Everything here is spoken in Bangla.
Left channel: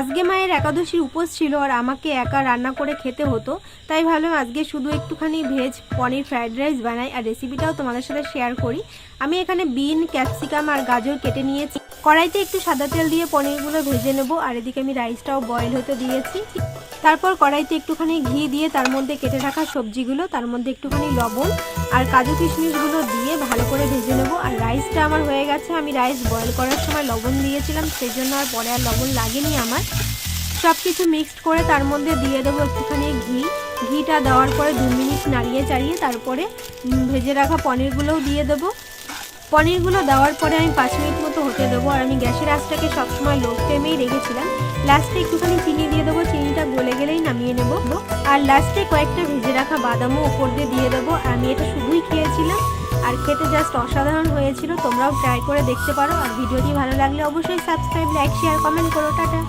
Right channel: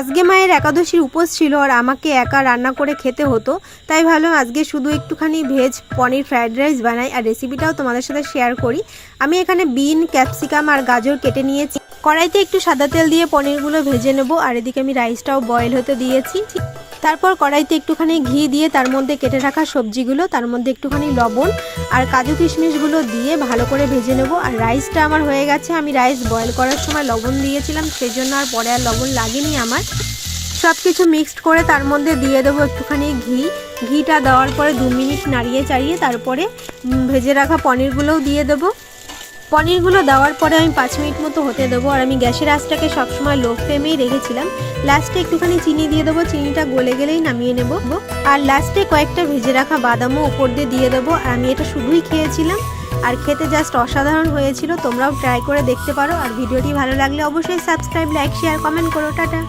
আজকে মায়ের একাদশীর উপোস ছিল আর আমাকে একা রান্না করে খেতে হতো, তাই ভাবলাম আজকে শুধু একটুখানি ভেজ পনির ফ্রাইড রাইস বানাই আর রেসিপিটাও তোমাদের সাথে শেয়ার করি। আমি এখানে বিন, ক্যাপসিকাম আর গাজর কেটে নিয়েছি। কড়াইতে একটু সাদা তেল দিয়ে পনিরগুলো ভেজে নেব আর এদিকে আমি রাইসটাও বয়েল হতে দিয়েছি। তারপর কড়াইতে একটুখানি ঘি দিয়ে তার মধ্যে কেটে রাখা সবজিগুলো, তার মধ্যে একটুখানি লবণ আর কাজু কিশমিশগুলো দিয়ে ভালো করে ভেজে নেব। আর রাইসটা আমার হয়ে গেছে। আমি রাইস বয়েল করার সময় লবণ দিয়েছিলাম, সেজন্য আর পরে আর লবণ লাগেনি আমার। সব কিছু মিক্সড করে তার মধ্যে দিয়ে দেবো একটুখানি ঘিটা দেওয়ার পরে 2 মিনিট নাড়িয়ে চাড়িয়ে তারপরে ভেজে রাখা পনিরগুলোও দিয়ে দেবো। পনিরগুলো দেওয়ার পরে আমি 5 মিনিট মতো হতে দেবো। আর আমি গ্যাসের আঁচটাকে সবসময় লো ফ্লেমেই রেখেছিলাম। লাস্টে একটুখানি চিনি দিয়ে দেবো, চিনিটা গলে গেলেই নামিয়ে নেব। আর লাস্টে কয়েকটা ভেজে রাখা বাদামও ওপর দিয়ে দিয়ে দেবো। আমি এটা শুধুই খেয়েছিলাম আর খেতে জাস্ট অসাধারণ হয়েছিল। তোমরাও ট্রাই করে দেখতে পারো। আর ভিডিওটি ভালো লাগলে অবশ্যই সাবস্ক্রাইব, লাইক, শেয়ার, কমেন্ট করো। টাটা।